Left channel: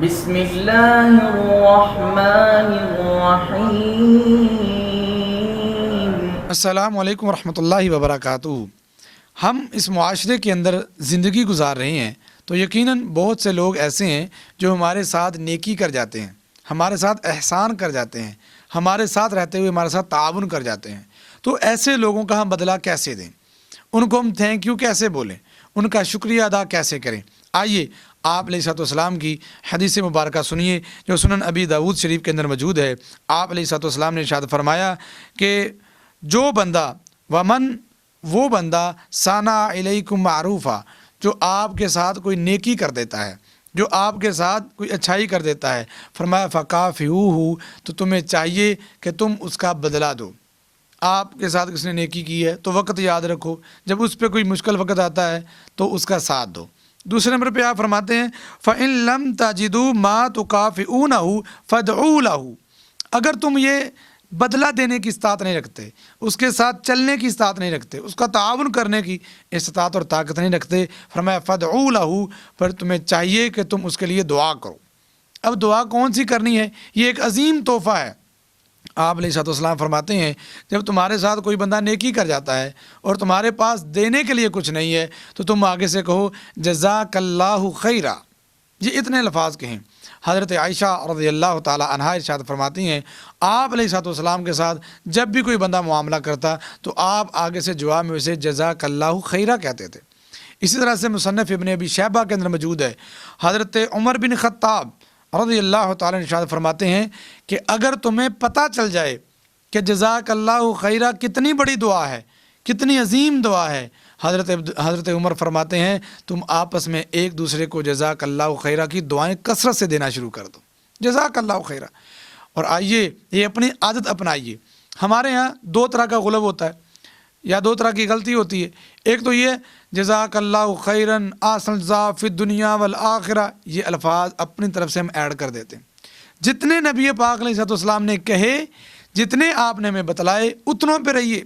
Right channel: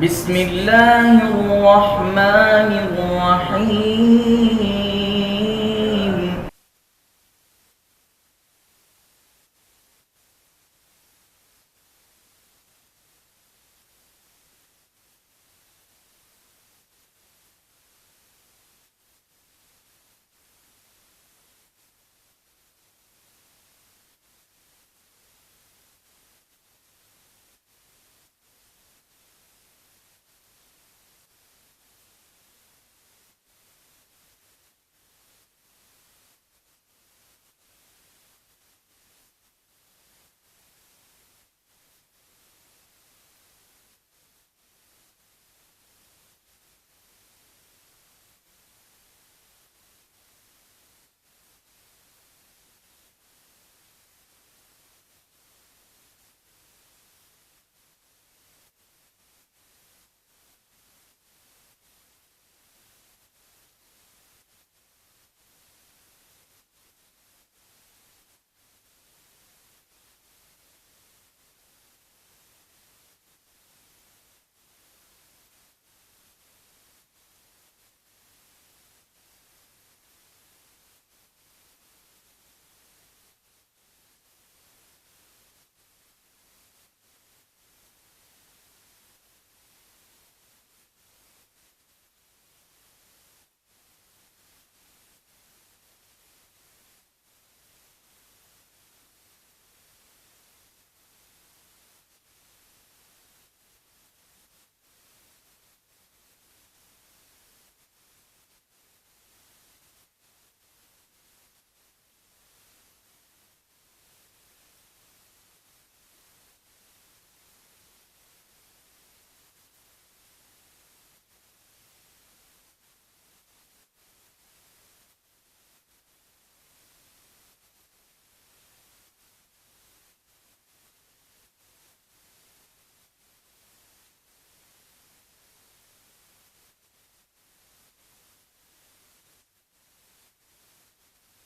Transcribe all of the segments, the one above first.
بسم اللہ الرحمن الرحیم۔ السلام علیکم ورحمۃ اللہ وبرکاتہ۔ ہم اس معاشرے کے اندر زندگی گزار رہے ہیں تو یقیناً بہت سے لوگ ایسے ہیں جو ہمارے ساتھ نیکی کر جاتے ہیں، ہمارے ساتھ احسان کر جاتے ہیں، ہمارے ساتھ رہتے ہوئے ہمارے ساتھ تعاون کر جاتے ہیں۔ تو ایسے لوگوں کا ہم بدلہ کیسے دیں؟ ان کو ہم تھینک یو کیسے بولیں؟ ان کا شکریہ ادا کیسے کریں؟ آئیے آپ علیہ السلام کی حدیث مبارکہ سنیے جو سنن ابی داؤد شریف کے اندر موجود ہے۔ آپ علیہ السلام نے ارشاد فرمایا کہ جو بندہ وہ بندہ ثنا علیکم معروفہ، جو آپ کے ساتھ کوئی نیکی کر دیتا ہے، جو آپ کے ساتھ کوئی اچھائی کر دیتا ہے، فرمایا فکافئوہ، تو تمہیں چاہیے کہ تم اس کا بدلہ دو۔ آپ کے ساتھ کس نے نیکی کی ہے تو وقت یاد رکھو، جب اس پہ کوئی مشکل وقت آتا ہے تو اس کا ساتھ دو۔ دوسرے نمبر پہ آپ فرماتے ہیں فَإِن لَمْ تَجِدُوا مَا تُكَافِئُونَهُ فَادْعُوا لَهُ، اگر تم یہ بدلہ دینے کی استطاعت نہیں رکھتے، اس کے ساتھ چلنے کی استطاعت نہیں رکھتے، اس کا تعاون کرنے کی استطاعت اور طاقت نہیں رکھتے، فرمایا فَادْعُوا لَهُ، پر تمہیں چاہیے کہ تم اس کے لیے دعا کرو۔ اب دعا کون سی کرنی ہے؟ یہ ایک عظیم تحفہ ہے۔ آپ علیہ السلام فرماتے ہیں جب تمہارے ساتھ کوئی بندہ نیکی کر جاتا ہے اور تمہارے پاس دینے کے لیے کچھ نہیں ہے تو تم آگے سے کہو جزاک اللہ خیرہ، یہ اتنے الفاظ کہیں۔ حضرت عائشہ رضی اللہ تعالی عنہا ارشاد فرماتی ہیں آپ علیہ السلام کے ساتھ جب بھی کوئی بندہ معاملہ کرتا تو آپ آگے سے جواب میں اسے جزاک اللہ خیرہ کہتے تھے۔ اسی طرح سے مصنف ابن ابی شیبہ کے اندر موجود ہے، حضرت عمر بن خطاب رضی اللہ تعالیٰ ارشاد فرماتے ہیں کہ اگر تمہیں پتہ چل جائے کہ جزاک اللہ خیرہ کتنی بڑی دعا ہے، کتنی عظیم دعا ہے، حضرت عمر فرماتے ہیں تم آپس میں ایک دوسرے کو جزاک اللہ خیرہ کی دعائیں کثرت سے دینا شروع کر دو، جزاک اللہ خیرہ۔ اور آئیے یہ اپنی عادت اپنائیے۔ ہمارے ہاں دو طرح کا غلب ہوتا ہے یا دو طرح کی غلطی ہوتی ہے۔ ایک تو یہ جزاک اللہ خیرن احسن جزا فی الدنیا والآخرہ، یہ الفاظ اپنی طرف سے ہم ایڈ کر دیتے ہیں۔ جتنے نبی پاک علیہ السلام نے کہے، جتنے آپ نے ہمیں بتلائے، اتنوں پہ رہیے۔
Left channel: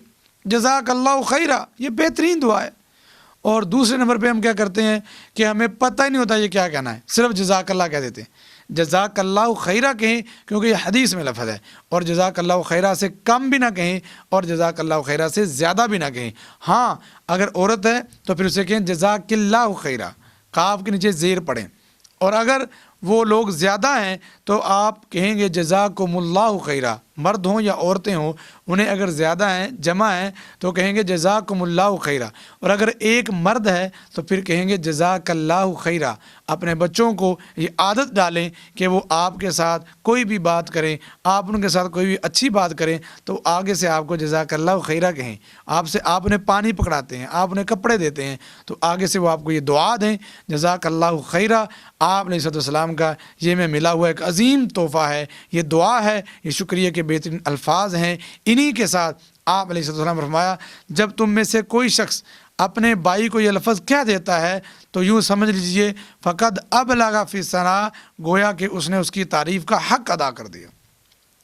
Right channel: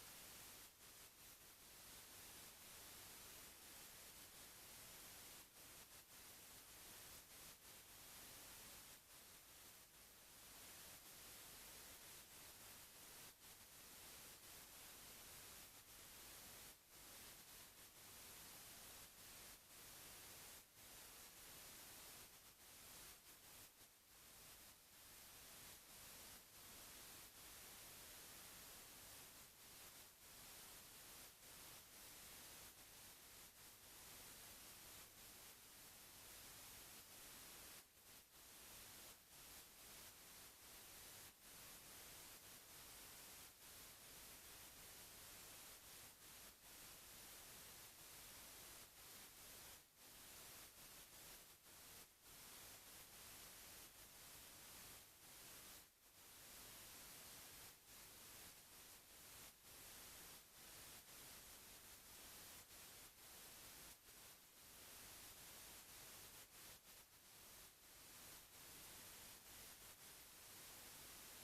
جزاک اللہ خیرہ یہ بہترین دعا ہے۔ اور دوسرے نمبر پہ ہم کیا کرتے ہیں کہ ہمیں پتہ ہی نہیں ہوتا یہ کیا کہنا ہے، صرف جزاک اللہ کہہ دیتے ہیں۔ جزاک اللہ خیرہ کہیں کیونکہ یہ حدیث میں لفظ ہے، اور جزاک اللہ خیرہ سے کم بھی نہ کہیں اور جزاک اللہ خیرہ سے زیادہ بھی نہ کہیں۔ ہاں اگر عورت ہے تو پھر اسے کہیں جزاک اللہ خیرہ، کاف کے نیچے زیر پڑھیں، اور اگر وہ لوگ زیادہ ہیں تو آپ کہیں گے جزاکم اللہ خیرہ، مرد ہوں یا عورتیں ہوں، انہیں اگر زیادہ ہیں جمع ہیں تو کہیں گے جزاکم اللہ خیرہ، اور اگر ایک مرد ہے تو پھر کہیں گے جزاک اللہ خیرہ۔ اپنے بچوں کو یہ عادت ڈالیں کہ وہ آپ کے ساتھ کوئی بھی بات کریں، آپ ان کے ساتھ کوئی بھی اچھی بات کریں تو آگے سے آپ کو جزاک اللہ خیرہ کہیں۔ آپ انہیں پانی پکڑاتے ہیں، آپ انہیں کپڑے دیتے ہیں تو آگے سے وہ آپ کو یہ دعا دیں جزاک اللہ خیرہ۔ آپ علیہ السلام کا یہ میں ملا ہوا ایک عظیم تحفہ ہے، یہ دعا ہے، یہ شکریہ کے بہترین الفاظ ہیں۔ انہی کے ساتھ آپ علیہ السلام نے فرمایا جب تم میں سے کوئی شخص اپنے بھائی کو یہ لفظ کہہ دیتا ہے تو یوں سمجھ لیجئے فقد ابلغ فی الثناء، گویا کہ اس نے اس کی تعریف کا حق ادا کر دیا۔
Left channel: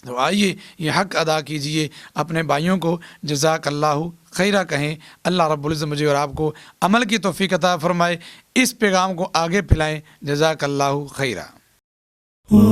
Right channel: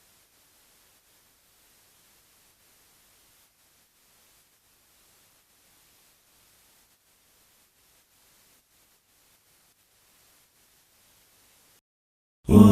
تو آئیے یہ حق ادا کیجئے، اپنے بھائیوں کو جزاک اللہ خیرہ کہیں۔ اللہ رب العزت مجھے اور آپ کو عمل کی توفیق عطا فرمائے، اس پیغام کو آگے پھیلائیں۔ جزاک اللہ خیرہ۔ Oh